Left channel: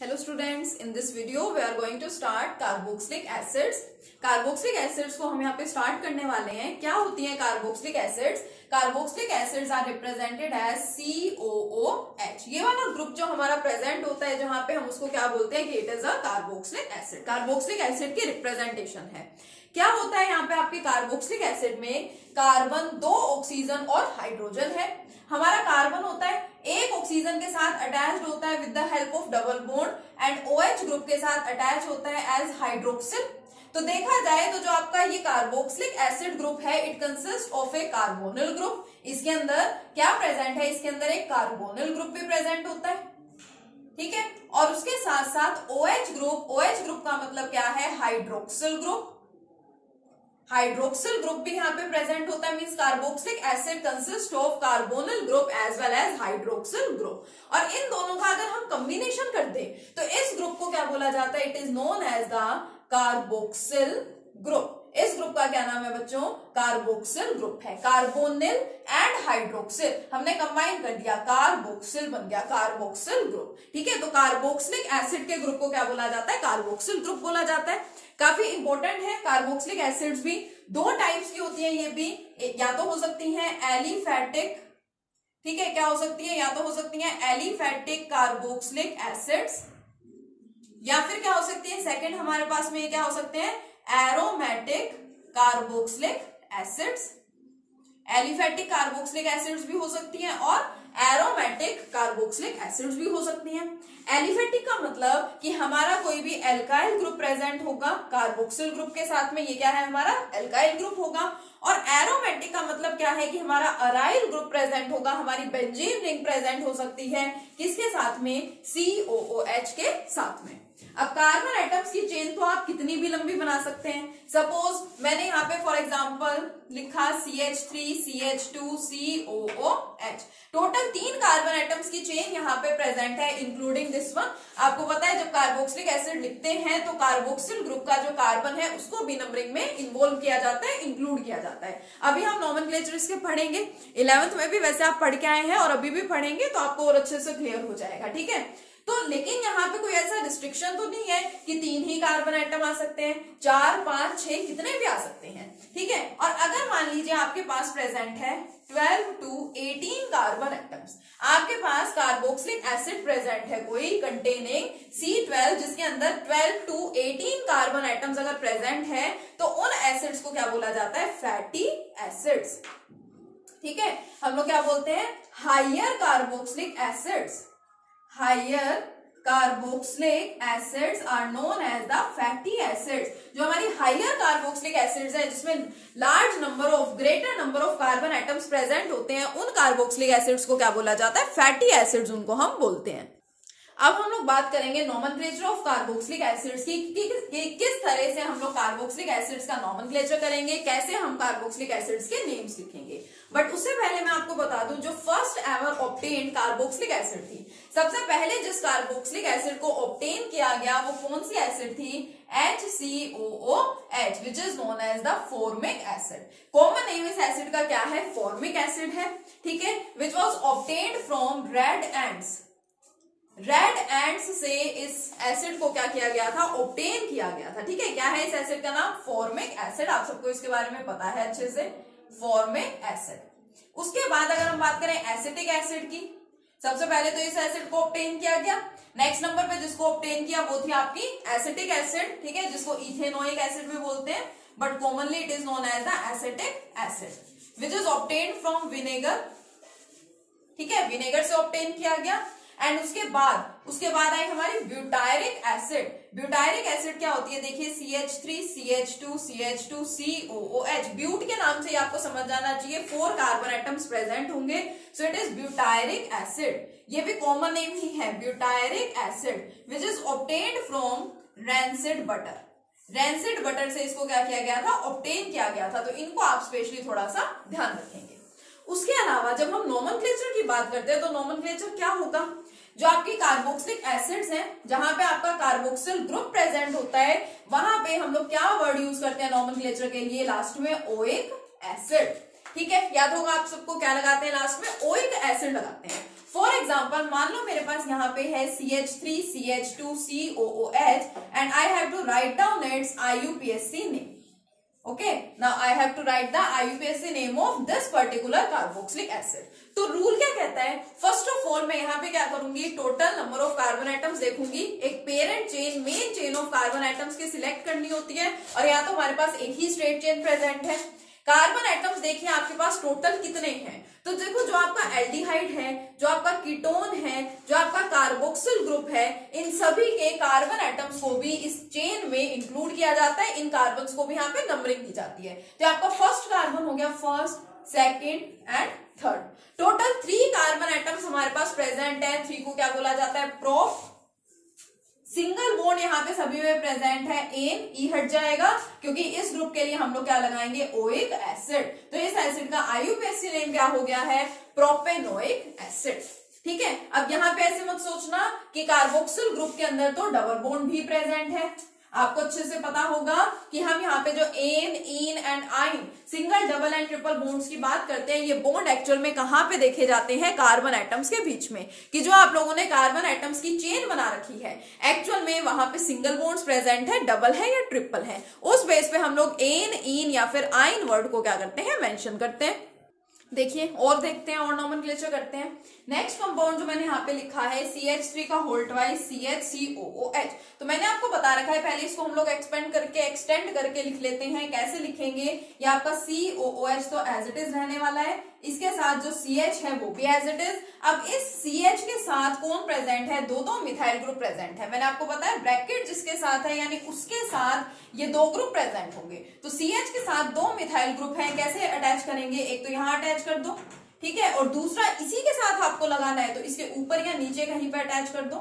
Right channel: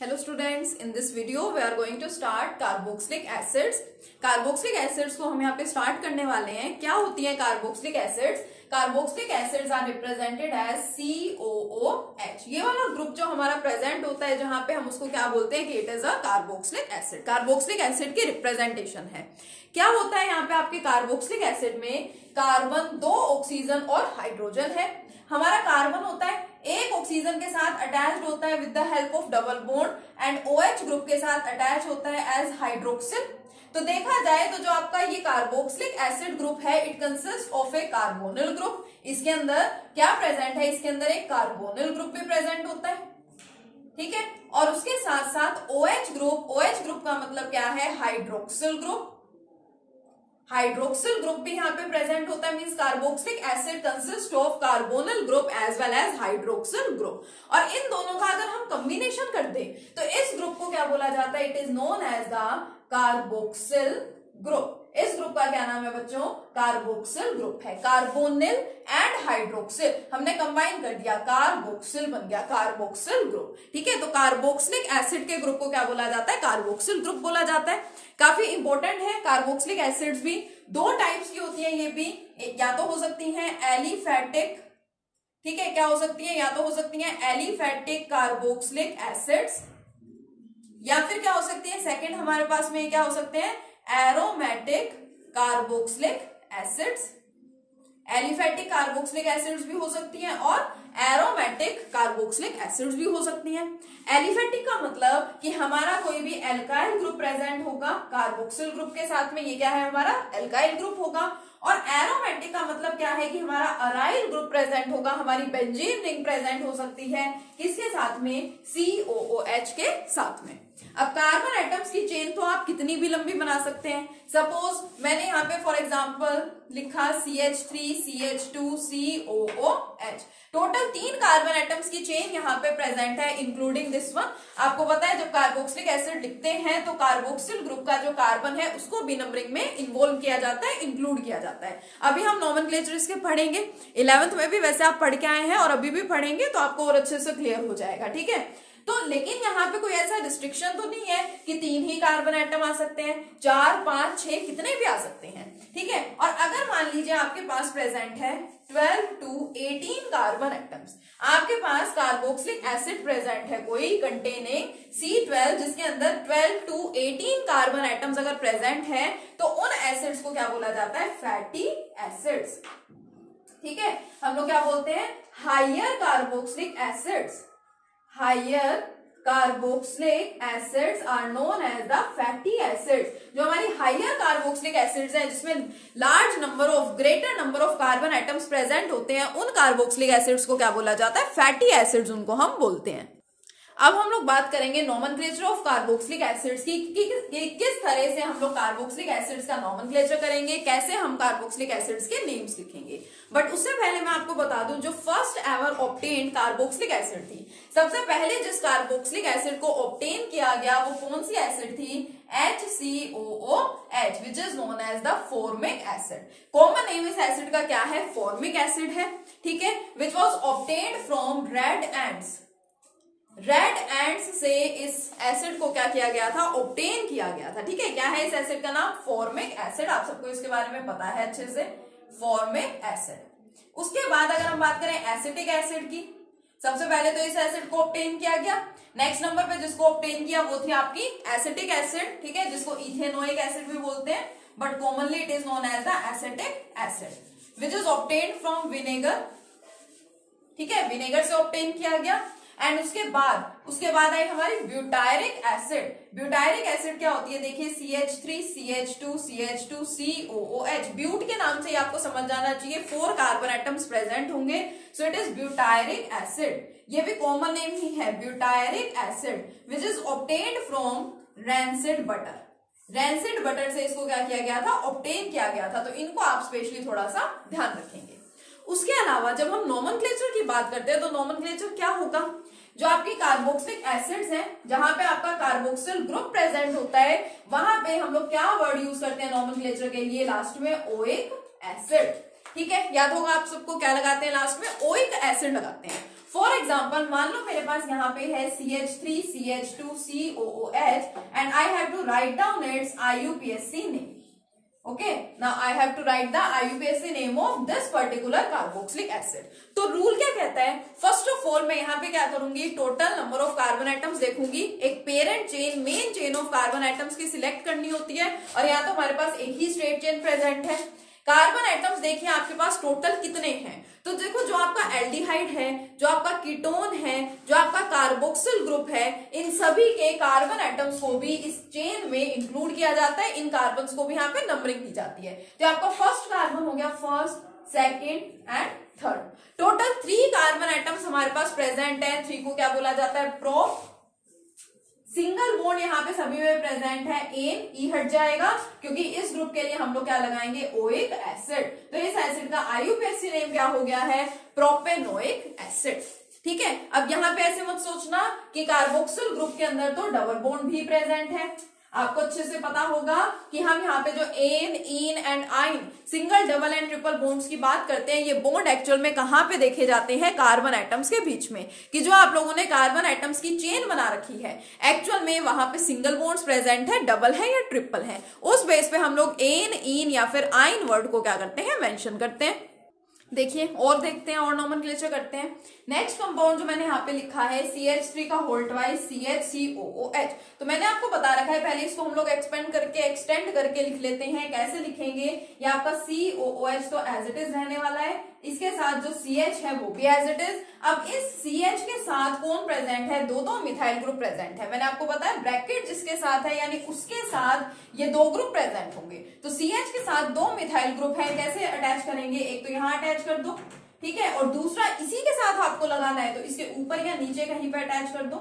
Hello students, in this video we are going to start carboxylic acids. Carboxylic acids को हम यहाँ पे start करने वाले हैं. क्या होती है carboxylic acids? Carboxylic acids are represented as COOH. ये वाला ग्रुप जो हमारा प्रेजेंट होता है जहाँ पे हम उसको क्या बोलते हैं कि it is a carboxylic acid. Carboxylic acid की रिप्रेजेंटेशन है. क्या होता है यहाँ पे आपके कार्बोक्सिलिक एसिड में? कार्बन, 2 ऑक्सीजन और हाइड्रोजन है. हमारा कार्बन होता है एक ऑक्सीजन के साथ अटैच्ड होता है with the help of double bond and OH group के साथ अटैच होता है एज हाइड्रोक्सिल. तो देखा जाए तो जो आपका ये कार्बोक्सिलिक एसिड ग्रुप है it consist of A carbonyl group. इसके अंदर क्या प्रेजेंट है? इसके अंदर एक कार्बोनिल ग्रुप भी प्रेजेंट होता है. ठीक है. और उसके साथ साथ OH ग्रुप. OH ग्रुप का मतलब क्या है? Hydroxyl group. हाइड्रोक्सिल ग्रुप भी यहाँ पे प्रेजेंट होता है. Means carboxylic acid consist of carbonyl group as well as hydroxyl group. और इन दोनों का अगर हम कॉम्बिनेशन कर दे तो इस ग्रुप को क्या बोला जाता है? It is known as the carboxyl group. इस ग्रुप का क्या नाम है बच्चों? कार्बोक्सिल ग्रुप है. कार्बोनिल एंड हाइड्रोक्सिल हमने कंबाइन कर दिया, कार्बोक्सिल बन गया कार्बोक्सिल ग्रुप. ठीक है. तो कार्बोक्सिलिक एसिड के ग्रुप को क्या बोला जाता है? कार्बोक्सिल ग्रुप बोला जाता है. काफी इंपॉर्टेंट है. कार्बोक्सिलिक एसिड्स भी 2 टाइप्स की होती है. ये भी या तो हो सकती है एलिफेटिक. ठीक है. क्या हो सकती है? या तो हो सकती है एलिफेटिक कार्बोक्सिलिक एसिड्स या फिर क्या हो सकती है सेकंड हमारे पास में क्या हो सकते हैं? Aromatic carboxylic acids. Aliphatic carboxylic acids भी हो सकती हैं और एरोमेटिक कार्बोक्सिलिक एसिड्स भी हो सकती हैं. एलिफेटिक का मतलब कि हमारा कोई भी एल्काइल ग्रुप प्रेजेंट होगा कार्बोक्सिल ग्रुप के साथ में. ये क्या है? हमारा एल्काइल ग्रुप होगा. और एरोमेटिक का मतलब क्या है कि हमारा अराइल ग्रुप प्रेजेंट होगा. हमारी बेंजीन रिंग प्रेजेंट हो सकती है किसके साथ में? COOH के साथ में. अब कार्बन एटम्स की चेन तो आप कितनी भी लंबी बना सकते हैं. सपोज मैंने यहाँ पे फॉर एग्जांपल लिखा CH3 CH2 COOH. Total 3 carbon atoms की चेन यहाँ पे प्रेजेंट है इंक्लूडिंग दिस वन. आपको पता है जब कार्बोक्सिलिक एसिड लिखते हैं तो कार्बोक्सिल ग्रुप का जो कार्बन है उसको भी नंबरिंग में इन्वॉल्व किया जाता है, इंक्लूड किया जाता है. अभी हम नॉमेनक्लेचर इसके पढ़ेंगे. 11th में भी वैसे आप पढ़ के आए हैं और अभी भी पढ़ेंगे तो आपको और अच्छे से क्लियर हो जाएगा. ठीक है. तो लेकिन यहाँ पे कोई ऐसा रिस्ट्रिक्शन तो नहीं है कि 3 ही कार्बन एटम आ सकते हैं. 4, 5, 6 कितने भी आ सकते हैं. ठीक है. और अगर मान लीजिए आपके पास प्रेजेंट है 12 to 18 कार्बन एटम्स. आपके पास कार्बोक्सिलिक एसिड प्रेजेंट है कोई कंटेनिंग C12 जिसके अंदर 12 to 18 कार्बन एटम्स अगर प्रेजेंट है तो उन एसिड्स को क्या बोला जाता है? Fatty acids. ठीक है. हम लोग क्या बोलते हैं? Higher carboxylic acids. Higher carboxylic acids are known as the fatty acids. जो हमारी हायर कार्बोक्सिलिक एसिड्स है जिसमें large number of greater number of carbon atoms present होते हैं उन कार्बोक्सिलिक एसिड्स को क्या बोला जाता है? फैटी एसिड्स उनको हम बोलते हैं. अब हम लोग बात करेंगे नॉमेनक्लेचर ऑफ कार्बोक्सिलिक एसिड्स की किस तरह से हम लोग कार्बोक्सिलिक एसिड्स का नॉमेनक्लेचर करेंगे, कैसे हम कार्बोक्सिलिक एसिड्स के नेम्स लिखेंगे. बट उससे पहले मैं आपको बता दूं जो first ever obtain carboxylic acid थी, सबसे पहले जिस कार्बोक्सिलिक एसिड को ऑब्टेन किया गया वो कौन सी एसिड थी? HCOOH which is known as the formic acid. Common name इस एसिड का क्या है? फॉर्मिक एसिड है. ठीक है. Which was obtained from red ants. Red ants से इस एसिड को क्या किया गया था? ऑब्टेन किया गया था. ठीक है. क्या है इस एसिड का नाम? Formic acid. आप सबको इसके बारे में पता है अच्छे से. Formic acid. उसके बाद अगर हम बात करें एसिटिक एसिड की, सबसे पहले तो इस एसिड को ऑब्टेन किया गया. नेक्स्ट नंबर पे जिसको ऑब्टेन किया वो थी आपकी एसिटिक एसिड. ठीक है. जिसको इथेनोइक एसिड भी बोलते हैं but commonly it is known as the acetic acid which is obtain from vinegar. ठीक है. विनेगर से ऑब्टेन किया गया. एंड उसके बाद आई हमारी ब्यूटायरिक एसिड. ब्यूटायरिक एसिड क्या होती है? देखिए CH3 CH2 CH2 COOH. ब्यूट के नाम से ही आपको समझ जाना चाहिए 4 कार्बन एटम्स प्रेजेंट होंगे. So it is butyric acid. ये भी कॉमन नेम ही है butyric acid which is obtained from rancid butter. Rancid butter से इसको क्या किया गया था? ऑब्टेन किया गया था. तो इनको आप स्पेशली थोड़ा सा ध्यान रखेंगे. उसके अलावा जब हम नॉमेनक्लेचर की बात करते हैं तो नॉमेनक्लेचर क्या होगा? जो आपकी कार्बोक्सिलिक एसिड्स हैं जहां पे आपका कार्बोक्सिल ग्रुप प्रेजेंट होता है वहां पे हम लोग क्या वर्ड यूज करते हैं नॉमेनक्लेचर के लिए? लास्ट में ओइक एसिड. ठीक है. याद होगा आप सबको क्या लगाते हैं? लास्ट में ओइक एसिड लगाते हैं. फॉर एग्जाम्पल एग्जांपल, मान लो मेरे पास यहाँ पे है CH3 CH2 COOH and I have to write down its IUPAC name. Okay, now I have to write the IUPAC name of this particular carboxylic acid. तो rule क्या कहता है? फर्स्ट ऑफ ऑल मैं यहाँ पे क्या करूंगी, total number of carbon atoms देखूंगी, एक parent chain main chain of carbon atoms की सिलेक्ट करनी होती है, और यहाँ तो हमारे पास एक ही स्ट्रेट चेन प्रेजेंट है. कार्बन एटम्स देखिए आपके पास टोटल कितने हैं, तो देखो जो आपका एल्डिहाइड है, जो आपका कीटोन है, जो आपका कार्बोक्सिल ग्रुप है, इन सभी के कार्बन एटम्स को भी इस चेन में इंक्लूड किया जाता है, इन कार्बन्स को भी यहाँ पे नंबरिंग की जाती है. तो आपका फर्स्ट कार्बन हो गया, first, second and third. Total 3 carbon atoms हमारे पास प्रेजेंट है. 3 को क्या बोला जाता है, प्रोप. सिंगल बॉन्ड यहाँ पे सभी में प्रेजेंट है, एन, ई हट जाएगा क्योंकि इस ग्रुप के लिए हम लोग क्या लगाएंगे, ओइक एसिड. तो इस एसिड का IUPAC नेम क्या हो गया है, प्रोपेनोइक एसिड. ठीक है, अब यहाँ पे ऐसे मत सोचना कि कार्बोक्सिल ग्रुप के अंदर तो डबल बॉन्ड भी प्रेजेंट है. आपको अच्छे से पता होगा कि हम यहाँ पे जो एन, इन एंड आइन, single, double and triple bonds की बात करते हैं, ये बॉन्ड एक्चुअल में कहाँ पे देखे जाते हैं, कार्बन एटम्स के बीच में. कि जो आप लोगों ने कार्बन एटम्स की चेन बना रखी है, एक्चुअल में वहां पे सिंगल बॉन्ड्स प्रेजेंट है, डबल है या ट्रिपल है. उस बेस पे हम लोग एन, इन या फिर आइन वर्ड को क्या करते हैं, मेंशन करते हैं. देखिए और देखते हैं और नॉमेनक्लेचर करते हैं. नेक्स्ट कंपाउंड जो मैंने यहाँ पे लिखा है CH3 का होल ट्वाइस CHCOOH. तो मैंने आपको बता रखा है, पहले इसको हम लोग एक्सटेंड करके लिख लेते हैं. कैसे लिखेंगे, ये आपका COOH तो एज इट इज रहने वाला है, इसके साथ जो CH है वो भी एज इट इज. अब इस CH के साथ कौन प्रेजेंट है, दो मिथाइल ग्रुप प्रेजेंट है. मैंने आपको बताया ब्रैकेट जिसके साथ है यानी उसके साथ ये 2 ग्रुप प्रेजेंट होंगे. तो CH के साथ 2 मिथाइल ग्रुप है, कैसे अटैच करेंगे, एक तो यहाँ अटैच कर दो, ठीक है, और दूसरा इसी के साथ आपको लगाना है तो इसके ऊपर या नीचे कहीं पे अटैच कर दो,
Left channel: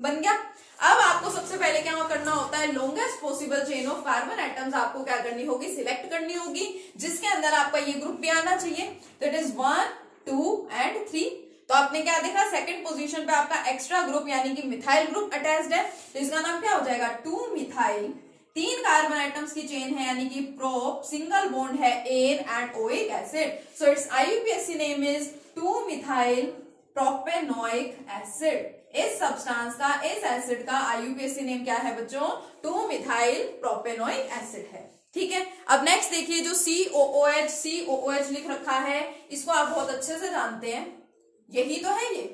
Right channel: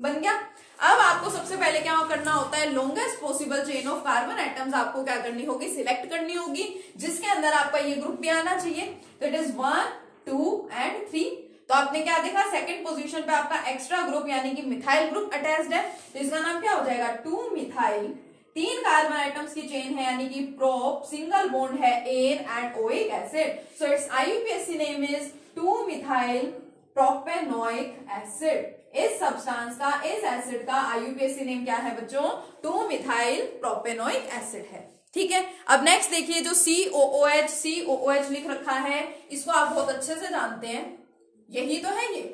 बन गया. अब आपको सबसे पहले क्या करना होता है, longest possible chain of carbon atoms आपको क्या करनी होगी, सिलेक्ट करनी होगी, जिसके अंदर आपका ये ग्रुप भी आना चाहिए. तो इट इज 1, 2 एंड 3. तो आपने क्या देखा, सेकंड पोजीशन पे आपका एक्स्ट्रा ग्रुप यानी कि मिथाइल ग्रुप अटैच्ड है, तो इसका नाम क्या हो जाएगा, 2 मिथाइल. 3 कार्बन एटम्स की चेन है यानी कि प्रोप, सिंगल बॉन्ड है an and oic acid. So it's IUPAC name is 2 methyl propanoic acid. इस सब्सटेंस का, इस एसिड का IUPAC नेम क्या है बच्चों, 2 मिथाइल प्रोपेनोइक एसिड है. ठीक है, अब नेक्स्ट देखिए जो COOH लिख रखा है, इसको आप बहुत अच्छे से जानते हैं, यही तो है ये.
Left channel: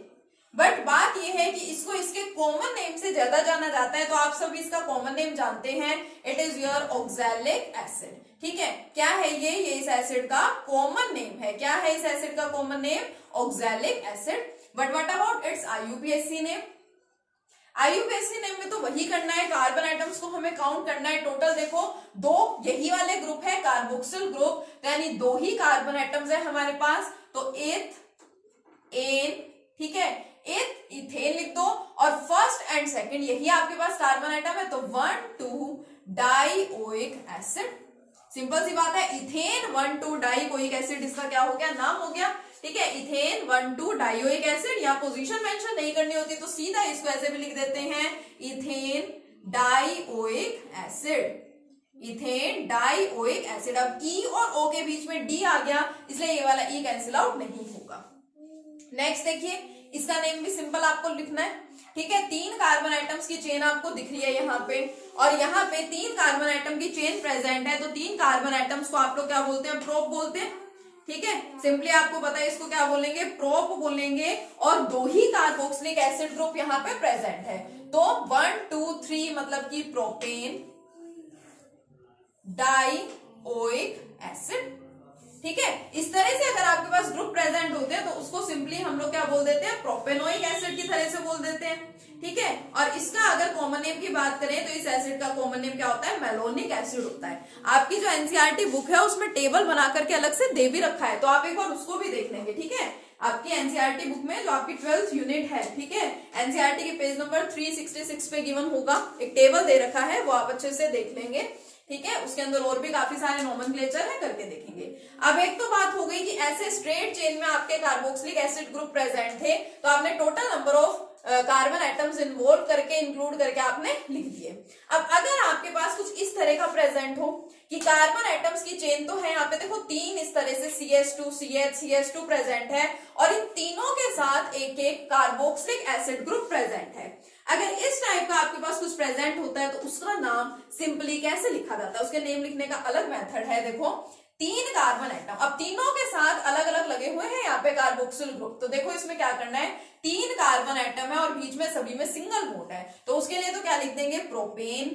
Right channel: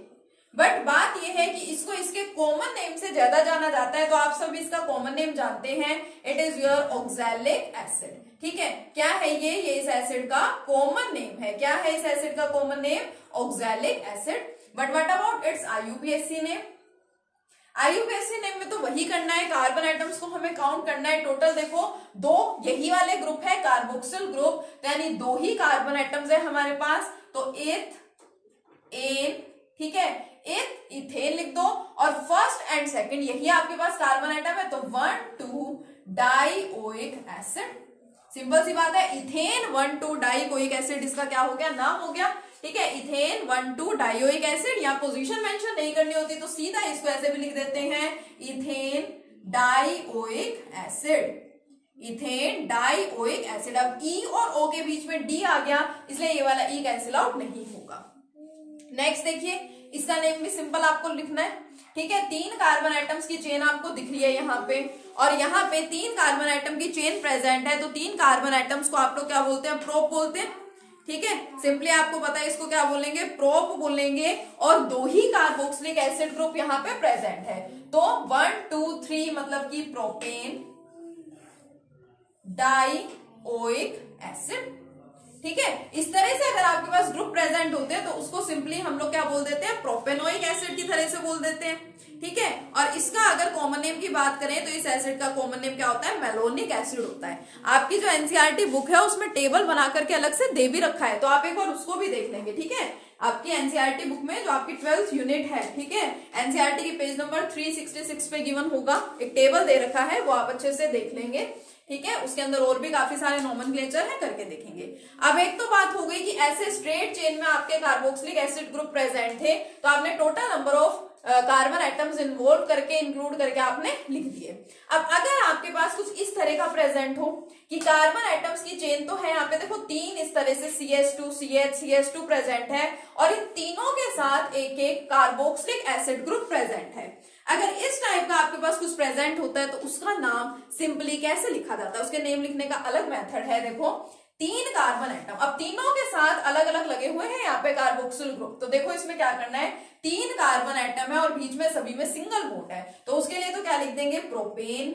बट बात ये है कि इसको इसके कॉमन नेम से ज्यादा जाना जाता है, तो आप सब इसका कॉमन नेम जानते हैं, it is your oxalic acid. ठीक है, क्या है ये इस एसिड का कॉमन नेम है. क्या है इस एसिड का common name, oxalic acid. But what about it's IUPAC name. IUPAC name में तो वही करना है, कार्बन एटम्स को हमें काउंट करना है. टोटल देखो 2 यही वाले ग्रुप है, कार्बोक्सिल ग्रुप, यानी 2 ही कार्बन एटम्स है हमारे पास. तो एथ, एन, ठीक है, एथ इथेन लिख दो, और फर्स्ट एंड सेकंड यही आपके पास कार्बन एटम है, तो 1, 2 डाइओइक एसिड. सिंपल सी बात है, इथेन 1, 2 डाइओइक एसिड, इसका क्या हो गया, नाम हो गया. ठीक है, इथेन 1, 2 डाइओइक एसिड. यहाँ पोजीशन मेंशन नहीं करनी होती तो सीधा इसको ऐसे भी लिख देते हैं, ethane dioic acid. Ethane dioic acid. अब ई और ओ के बीच में डी आ गया, इसलिए ये वाला ई कैंसिल आउट नहीं होगा. नेक्स्ट देखिए, इसका नेम भी सिंपल आपको लिखना है. ठीक है, 3 कार्बन एटम्स की चेन आपको दिख रही है यहाँ पे, और यहाँ पे 3 कार्बन एटम की चेन प्रेजेंट है. तो 3 कार्बन एटम्स को आप लोग क्या बोलते हैं, प्रोप बोलते हैं. ठीक है, सिंपली आपको पता है इसको क्या बोलेंगे, प्रोप बोलेंगे. और 2 ही कार्बोक्सिलिक एसिड ग्रुप यहाँ पे प्रेजेंट है, तो 1, 2, 3 मतलब कि प्रोपेन डाइओइक एसिड. ठीक है, इस तरह से अगर आपके पास ग्रुप प्रेजेंट होते हैं तो उसको सिंपली हम लोग क्या बोल देते हैं, प्रोपेनोइक एसिड की तरह से बोल देते हैं. ठीक है, और इसका अगर कॉमन नेम की बात करें तो इस एसिड का कॉमन नेम क्या होता है, मेलोनिक एसिड होता है. आपकी जो NCERT बुक है उसमें टेबल बना करके अलग से दे भी रखा है, तो आप एक बार उसको भी देख लेंगे. ठीक है, आपकी NCERT बुक में जो आपकी 12th यूनिट है, ठीक है, NCERT के पेज नंबर 366 पे गिवन होगा, एक टेबल दे रखा है, वो आप अच्छे से देख लेंगे. ठीक है, उसके अंदर और भी काफी सारे नॉमेनक्लेचर है, करके देखेंगे. अब एक तो बात हो गई कि ऐसे स्ट्रेट चेन में आपके कार्बोक्सिलिक एसिड ग्रुप प्रेजेंट थे, तो आपने total number of carbon atoms involve करके इंक्लूड करके आपने लिख दिए। अब अगर आपके पास कुछ इस तरह का प्रेजेंट हो कि कार्बन एटम्स की चेन तो है, यहाँ पे देखो 3 इस तरह से CH2 CH CH2 प्रेजेंट है और इन तीनों के साथ एक एक कार्बोक्सिलिक एसिड ग्रुप प्रेजेंट है। अगर इस टाइप का आपके पास कुछ प्रेजेंट होता है तो उसका नाम सिंपली कैसे लिखा जाता है, उसके नेम लिखने का अलग मेथड है। देखो 3 कार्बन एटम, अब तीनों के साथ अलग अलग लगे हुए हैं यहाँ पे कार्बोक्सिल ग्रुप, तो देखो इसमें क्या करना है, 3 कार्बन एटम है और बीच में सभी में सिंगल बॉन्ड है, तो उसके लिए तो क्या लिख देंगे, propane.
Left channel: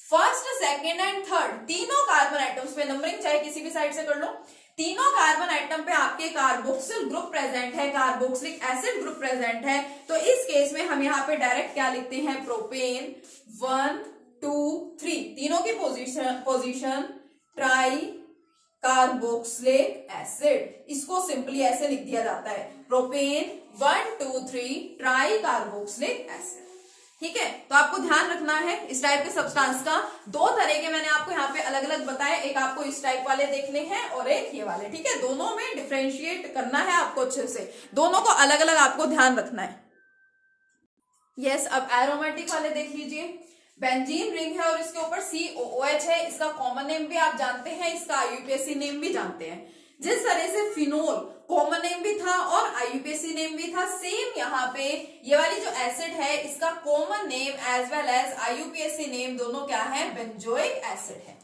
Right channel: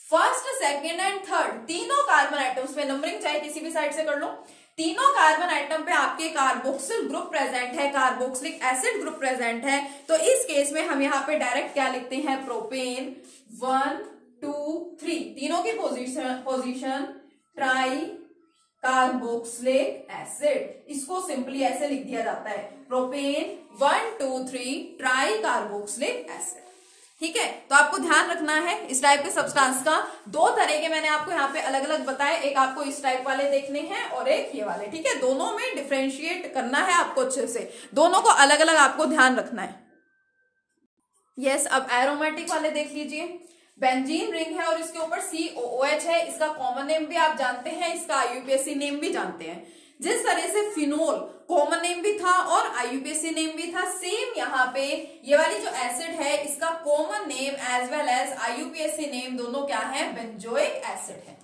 First second and third तीनों कार्बन एटम्स पे नंबरिंग चाहे किसी भी साइड से कर लो, तीनों कार्बन एटम पे आपके कार्बोक्सिल ग्रुप प्रेजेंट है, कार्बोक्सिलिक एसिड ग्रुप प्रेजेंट है, तो इस केस में हम यहाँ पे डायरेक्ट क्या लिखते हैं, प्रोपेन 1 2 3, तीनों की पोजीशन ट्राई कार्बोक्सिलिक एसिड, इसको सिंपली ऐसे लिख दिया जाता है, प्रोपेन 1 2 3 ट्राई कार्बोक्सिलिक एसिड। ठीक है, तो आपको ध्यान रखना है इस टाइप के सब्सटेंस का 2 तरह के मैंने आपको यहाँ पे अलग अलग बताए, एक आपको इस टाइप वाले देखने हैं और एक ये वाले। ठीक है, दोनों में डिफरेंशिएट करना है आपको अच्छे से, दोनों को अलग अलग आपको ध्यान रखना है। यस, अब एरोमेटिक वाले देख लीजिए, बेंजीन रिंग है और इसके ऊपर COOH है, इसका कॉमन नेम भी आप जानते हैं, इसका IUPAC नेम भी जानते हैं। जिस तरह से फिनोल कॉमन नेम भी था और IUPAC नेम भी था, सेम यहाँ पे ये वाली जो एसिड है इसका common name as well as IUPAC name दोनों क्या है, बेंजोइक एसिड है।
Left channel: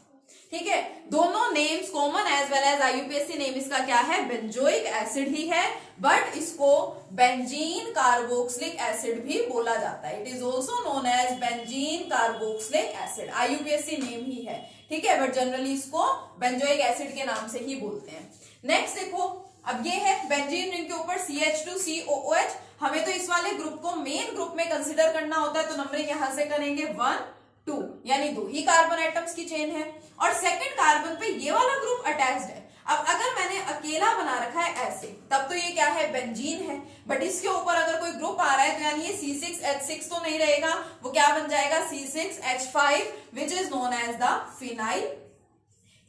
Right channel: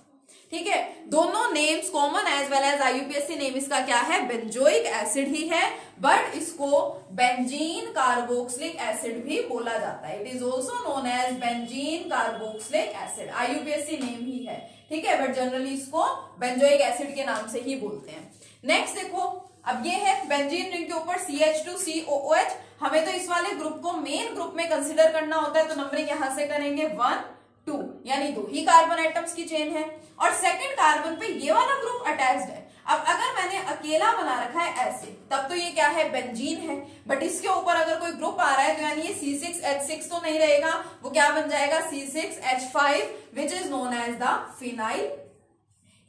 ठीक है, दोनों names common as well as IUPAC name इसका क्या है, बेंजोइक एसिड ही है, बट इसको बेंजीन कार्बोक्सिलिक एसिड भी बोला जाता है। It is also known as benzene carboxylic acid, IUPAC name ही है। ठीक है, बट जनरली इसको बेंजोइक एसिड के नाम से ही बोलते हैं। नेक्स्ट देखो, अब ये है बेंजीन रिंग के ऊपर CH2 COOH, हमें तो इस वाले ग्रुप को मेन ग्रुप में कंसिडर करना होता है, तो नंबरिंग यहां से करेंगे 1 2, यानी 2 ही कार्बन एटम्स की चेन है और सेकंड कार्बन पे ये वाला ग्रुप अटैच्ड है। अब अगर मैंने अकेला बना रखा है ऐसे, तब तो ये क्या है, बेंजीन है, बट इसके ऊपर अगर कोई ग्रुप आ रहा है तो यानी ये C6H6 तो नहीं रहेगा, वो क्या बन जाएगा, C6H5 which is known as the phenyl.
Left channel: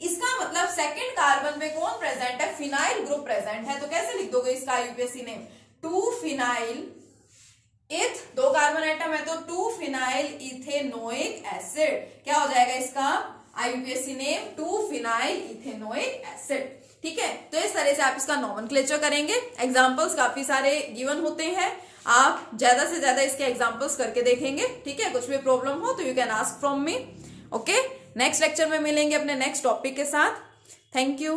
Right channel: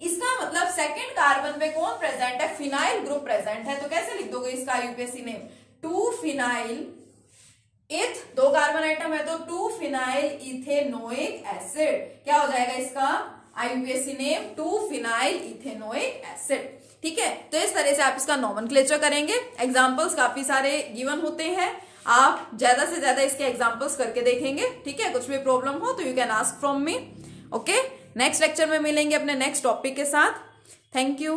इसका मतलब सेकंड कार्बन पे कौन प्रेजेंट है, फिनाइल ग्रुप प्रेजेंट है, तो कैसे लिख दोगे इसका IUPAC नेम, 2 फिनाइल इथ, 2 कार्बन आइटम है तो 2 फिनाइल इथेनोइक एसिड, क्या हो जाएगा इसका IUPAC name, 2 phenyl ethanoic acid. ठीक है, तो इस तरह से आप इसका नॉमेनक्लेचर करेंगे। एग्जांपल्स काफी सारे गिवन होते हैं, आप ज्यादा से ज्यादा इसके एग्जांपल्स करके देखेंगे। ठीक है, कुछ भी प्रॉब्लम हो तो you can ask from me. Okay, next lecture में मिलेंगे अपने नेक्स्ट टॉपिक के साथ। Thank you.